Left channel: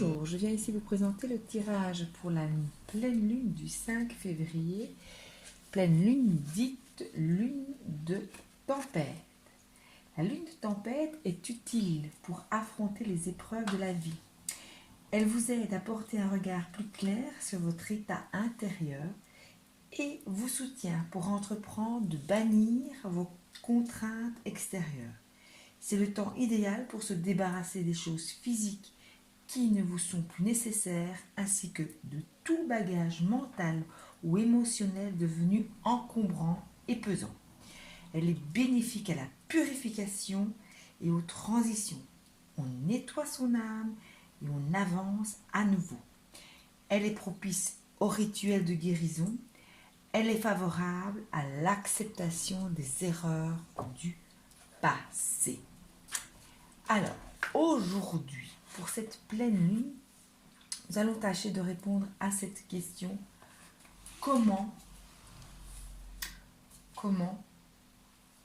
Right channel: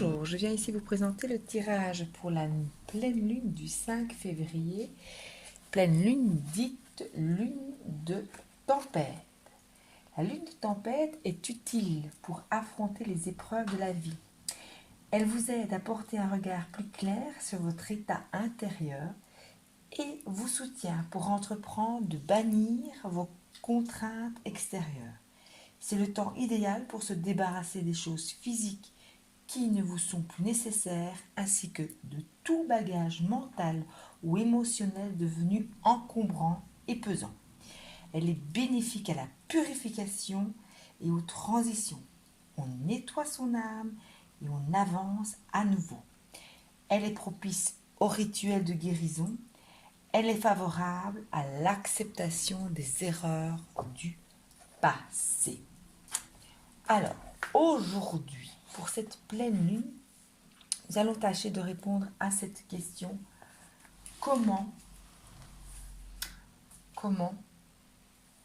Bonjour, je viens ici vous présenter le tirage pour la pleine lune du 5 février, pleine lune dite lune de tempête. La lune de tempête est utile pour affronter les épreuves de la vie. Elle vous aide à porter un regard plus clair sur votre état intérieur et vous soutient pour entreprendre de bannir vos contraintes extérieures. C'est le temps idéal pour se débarrasser des choses physiques qui ne vous sont plus nécessaires, ainsi que de tout bagage mental ou émotionnel devenu encombrant et pesant. Elle est bénéfique à la purification et aux transitions. On nettoie son âme et on avance à nouveau. Elle est propice aux rituels de guérison. Elle est favorable à l'acceptation des erreurs du passé. Alors, aujourd'hui, pour cette pleine lune, nous allons tâcher de répondre à cette question. Comment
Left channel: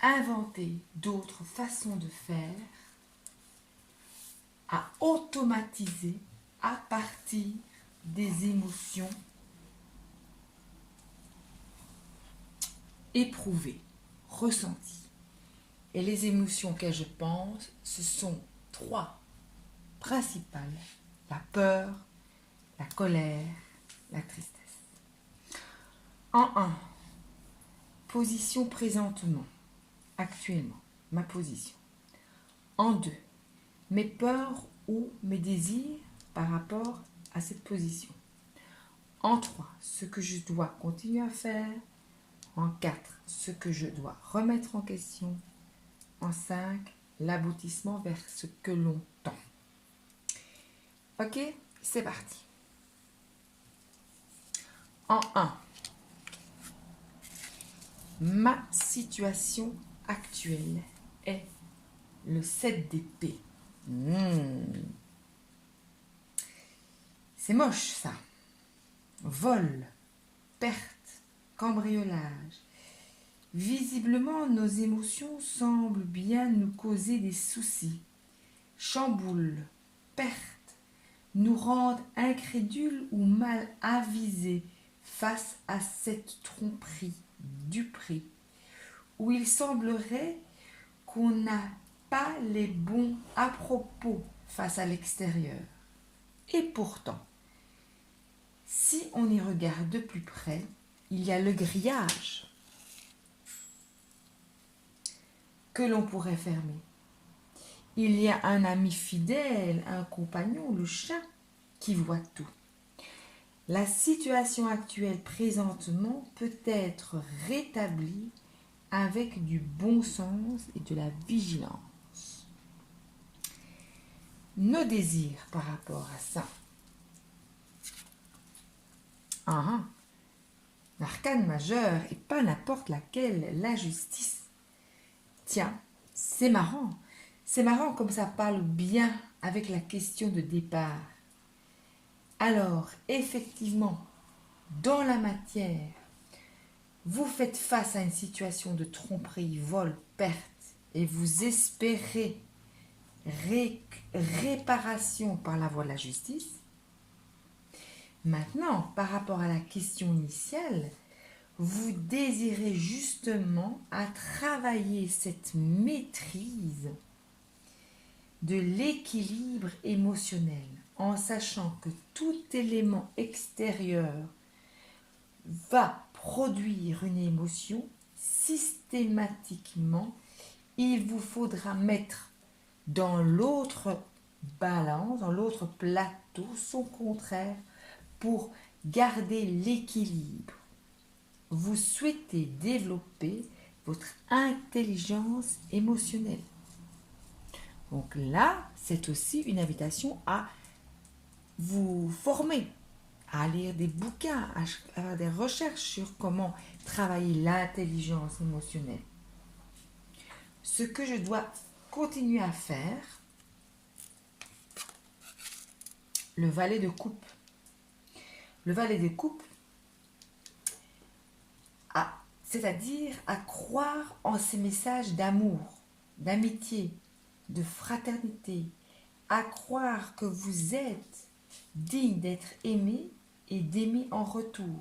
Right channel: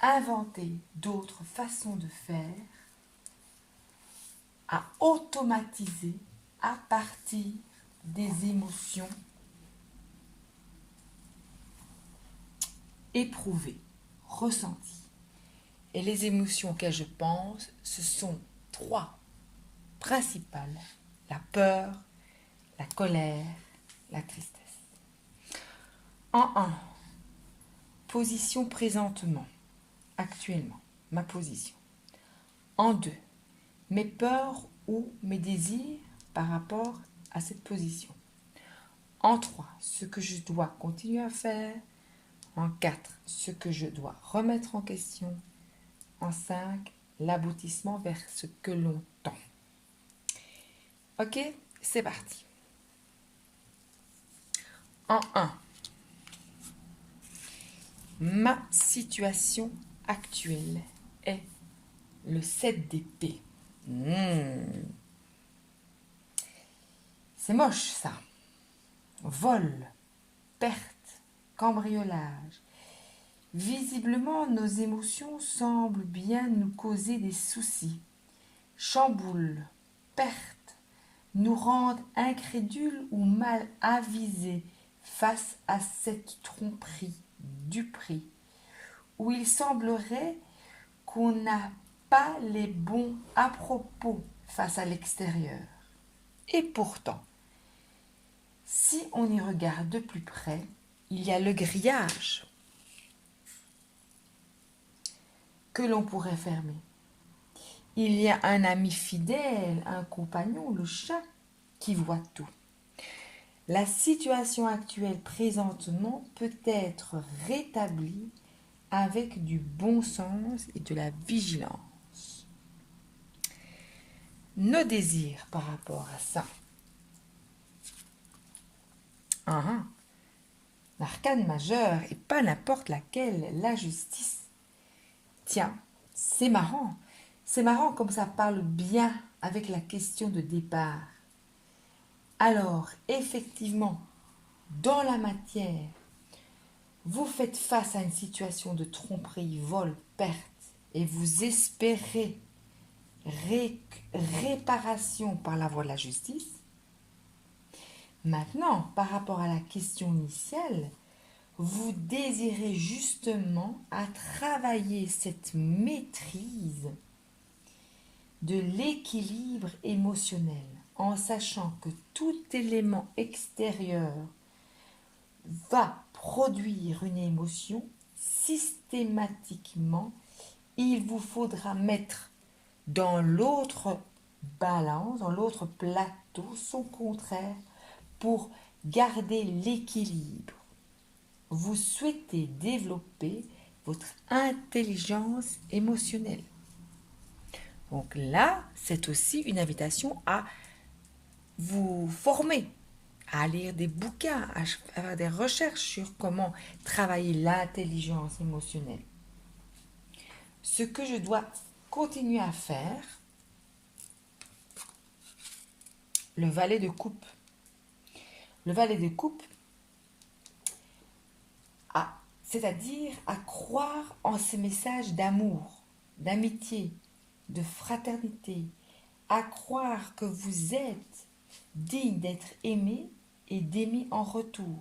inventer d'autres façons de faire à automatiser à partir des émotions éprouvées, ressenties. Et les émotions auxquelles je pense, ce sont trois principales: la peur, la colère, la tristesse. En 1, position présentement, actuellement, ma position. En 2, mes peurs ou mes désirs par rapport à cette position. En 3, ce que je dois continuer à faire. En 4, ce que je dois remettre en question. En 5, l'aboutissement vers ce que l'on tend. Ok, c'est parti. En 1, ma situation actuelle est le 7 d'épée. C'est moche ça. Vol, perte, cambriolage. Visiblement, nos émotions semblent bien nous causer des soucis. Chamboulent, perte, nous rendent incrédules ou mal avisés face à cette tromperie, duperie, où il semblerait qu'on n'a pas les bons à propos face à l'extérieur. Et pourtant, si on y regarde de plus près, il y a le grillage que l'on pourrait fermer. Il y a un ami fidèle, un compagnon, le chat, qui voit tout. La situation actuelle présentement peut être rétablie avec du bon sens et de la vigilance. Nos désirs par rapport à ça. L'arcane majeure et pas n'importe laquelle, la justice. Tiens, c'est marrant. C'est marrant comme ça parle bien avec la question de départ. Alors, effectivement, dans la matière, vous faites face à une situation de tromperie, vol, perte, et vous espérez réparation par la voie de la justice. Maintenant, par rapport à la question initiale, vous désirez justement à travailler cette maîtrise de l'équilibre émotionnel en sachant que tout élément extérieur va produire une émotion systématiquement. Il vous faudra mettre dans l'autre balance, dans l'autre plateau, son contraire pour garder l'équilibre. Vous souhaitez développer votre intelligence émotionnelle. Donc là, c'est aussi une invitation à vous former, à lire des bouquins, à faire des recherches sur comment travailler l'intelligence émotionnelle. Ce que je dois continuer à faire, le valet de coupe. Le valet de coupe, c'est-à-dire à croire en ces messages d'amour, d'amitié, de fraternité, à croire que vous êtes digne d'être aimé et d'aimer en retour.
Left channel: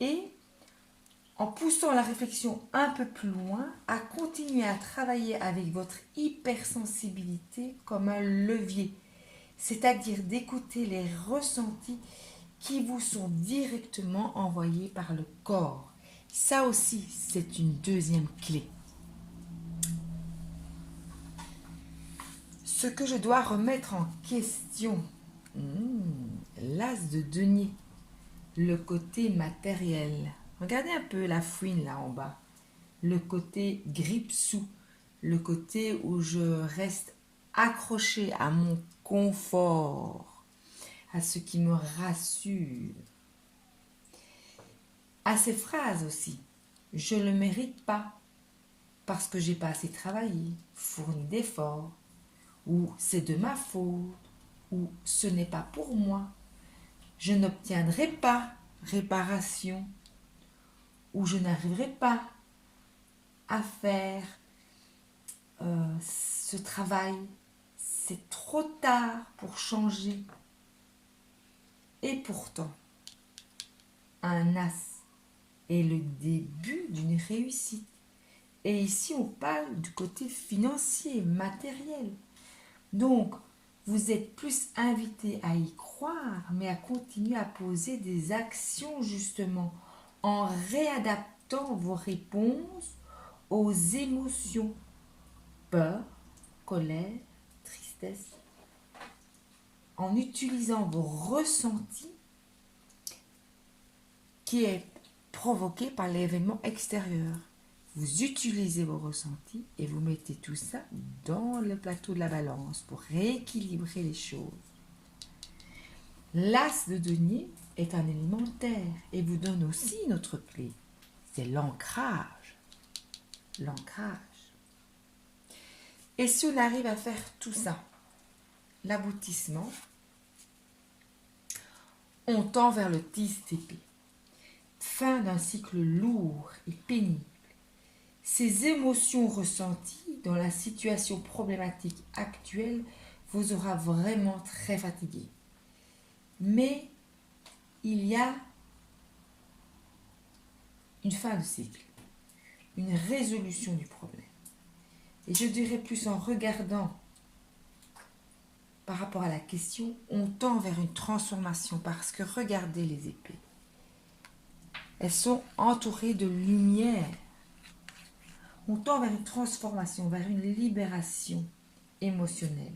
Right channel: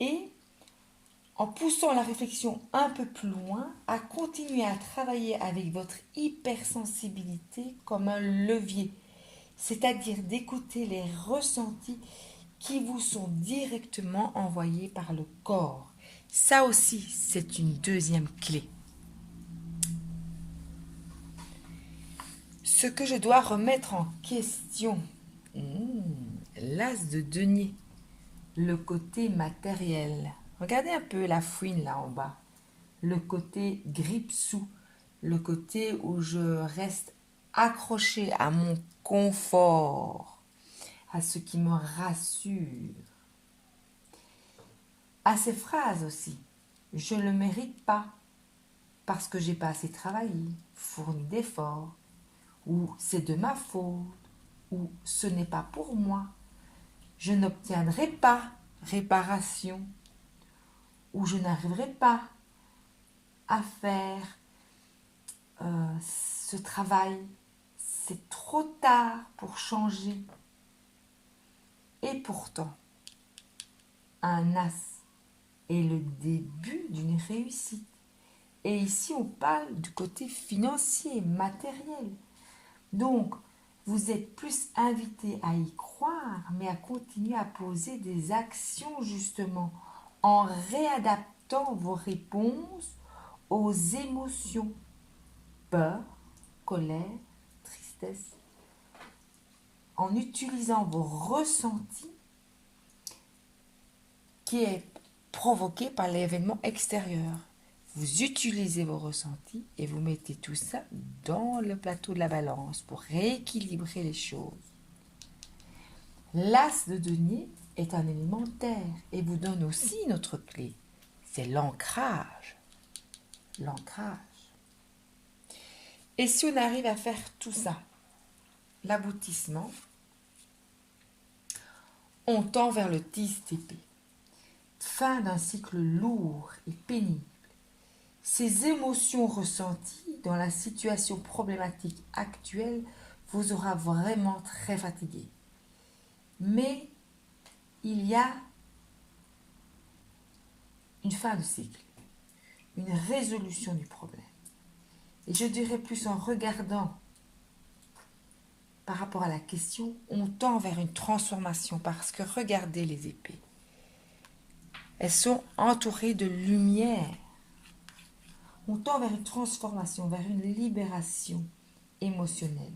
Et en poussant la réflexion un peu plus loin, à continuer à travailler avec votre hypersensibilité comme un levier, c'est-à-dire d'écouter les ressentis qui vous sont directement envoyés par le corps. Ça aussi, c'est une deuxième clé. Ce que je dois remettre en question, l'as de denier, le côté matériel. Regardez un peu la fouine là en bas. Le côté grippe-sous, le côté où je reste accroché à mon confort, à ce qui me rassure. À ces phrases aussi, je ne le mérite pas parce que j'ai pas assez travaillé, fourni d'efforts, ou c'est de ma faute, ou ce n'est pas pour moi, je n'obtiendrai pas réparation, ou je n'arriverai pas à faire ce travail, c'est trop tard pour changer. Et pourtant, un as est le début d'une réussite. Et ici, on parle du côté financier, matériel. Donc, vous êtes plus invité à y croire, mais à continuer à poser des actions justement en réadaptant vos réponses aux émotions, peur, colère, tristesse, en utilisant vos ressentis qui est provoqué par l'événement extérieur. Vous utilisez vos ressentis et vous mettez tout ça dans le plateau de la balance pour rééquilibrer les choses. L'as de denier est un élémentaire et vous donne aussi notre clé. C'est l'ancrage. L'ancrage. Et si on arrive à faire tout ça, l'aboutissement, on tend vers le TCP. Fin d'un cycle lourd et pénible. Ces émotions ressenties dans la situation problématique actuelle vous aura vraiment très fatigué. Mais il y a une fin de cycle, une résolution du problème. Et je dirais plus en regardant par rapport à la question, on tend vers une transformation parce que regardez les épées. Elles sont entourées de lumière. On tend vers une transformation, vers une libération émotionnelle.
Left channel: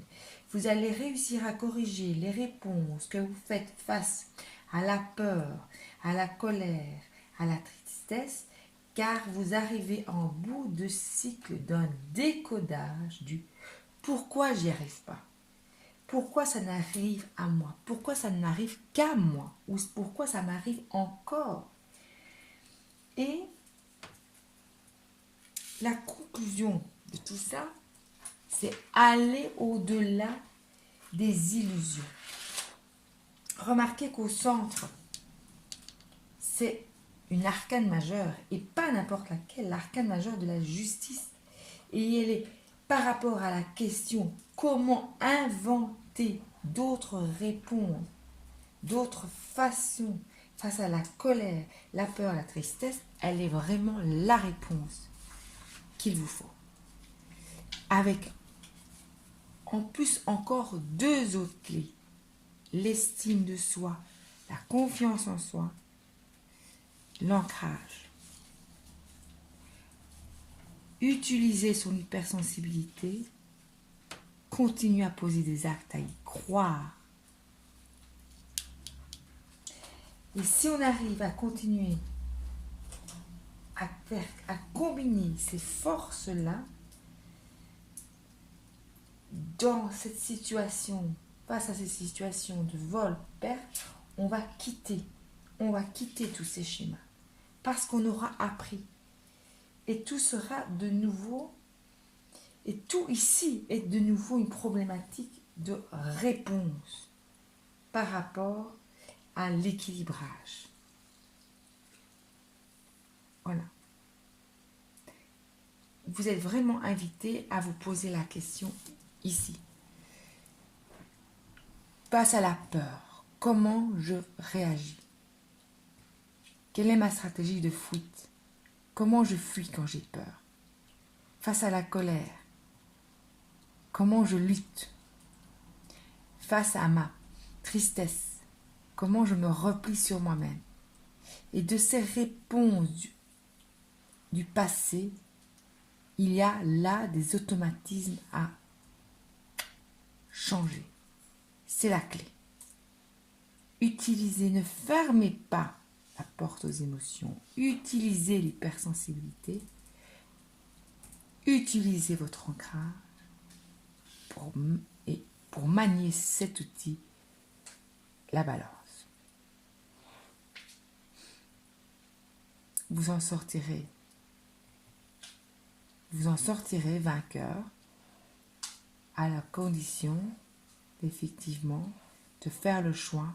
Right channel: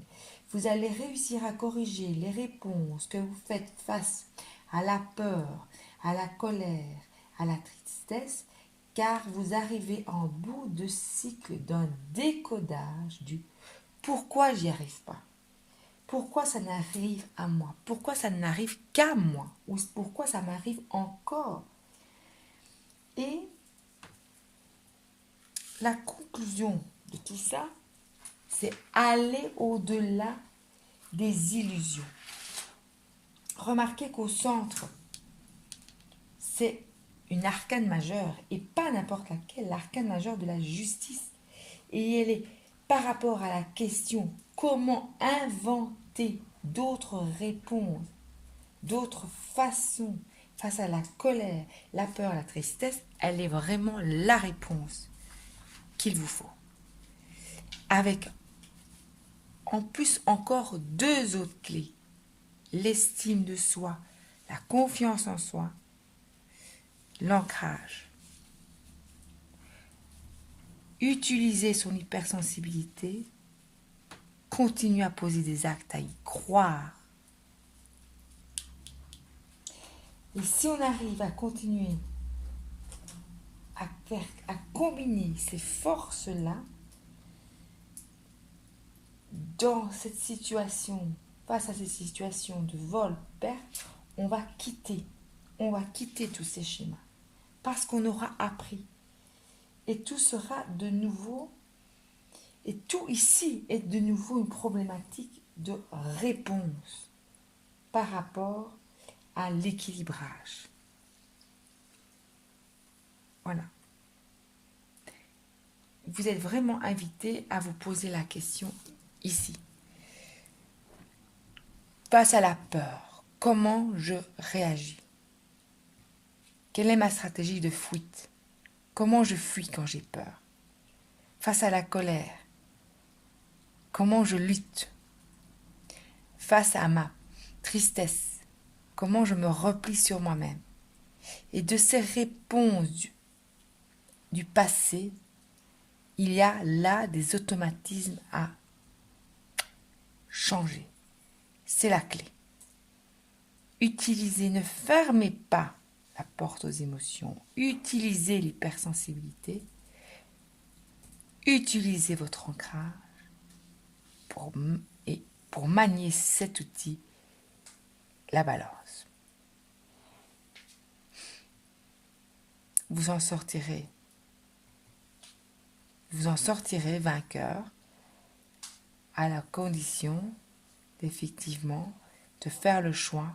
Vous allez réussir à corriger les réponses que vous faites face à la peur, à la colère, à la tristesse, car vous arrivez en bout de cycle d'un décodage du pourquoi j'y arrive pas, pourquoi ça n'arrive à moi, pourquoi ça n'arrive qu'à moi, ou pourquoi ça m'arrive encore. Et la conclusion de tout ça, c'est aller au-delà des illusions. Remarquez qu'au centre, c'est une arcane majeure, et pas n'importe laquelle, l'arcane majeure de la justice. Et elle est par rapport à la question comment inventer d'autres réponses, d'autres façons face à la colère, la peur, la tristesse, elle est vraiment la réponse qu'il vous faut. Avec en plus encore deux autres clés, l'estime de soi, la confiance en soi, l'ancrage. Utiliser son hypersensibilité, continuer à poser des actes, à y croire. Et si on arrive à continuer à combiner ces forces-là, dans cette situation, face à ces situations de vol, perte, on va quitter tous ces schémas parce qu'on aura appris et tout sera de nouveau, et tout ici est de nouveau une problématique de réponse par rapport à l'équilibrage. Voilà. Vous êtes vraiment invité à vous poser la question ici. Face à la peur, comment je réagis? Quelle est ma stratégie de fuite? Comment je fuis quand j'ai peur? Face à la colère, comment je lutte? Face à ma tristesse, comment je me replie sur moi-même? Et de ces réponses du passé, il y a là des automatismes à changer. C'est la clé. Utilisez, ne fermez pas la porte aux émotions. Utilisez l'hypersensibilité. Utilisez votre ancrage pour manier cet outil, la balance. Vous en sortirez vainqueur à la condition effectivement de faire le choix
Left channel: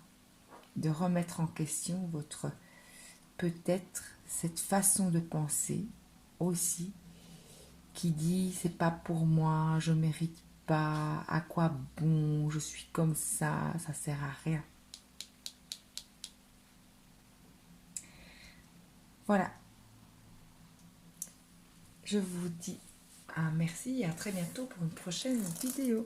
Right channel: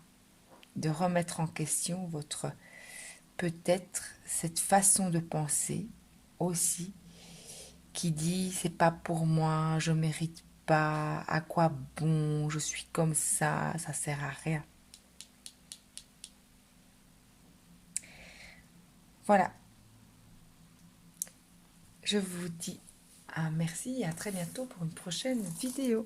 de remettre en question votre peut-être cette façon de penser aussi qui dit c'est pas pour moi, je mérite pas, à quoi bon, je suis comme ça sert à rien. Voilà. Je vous dis un merci et à très bientôt pour une prochaine vidéo.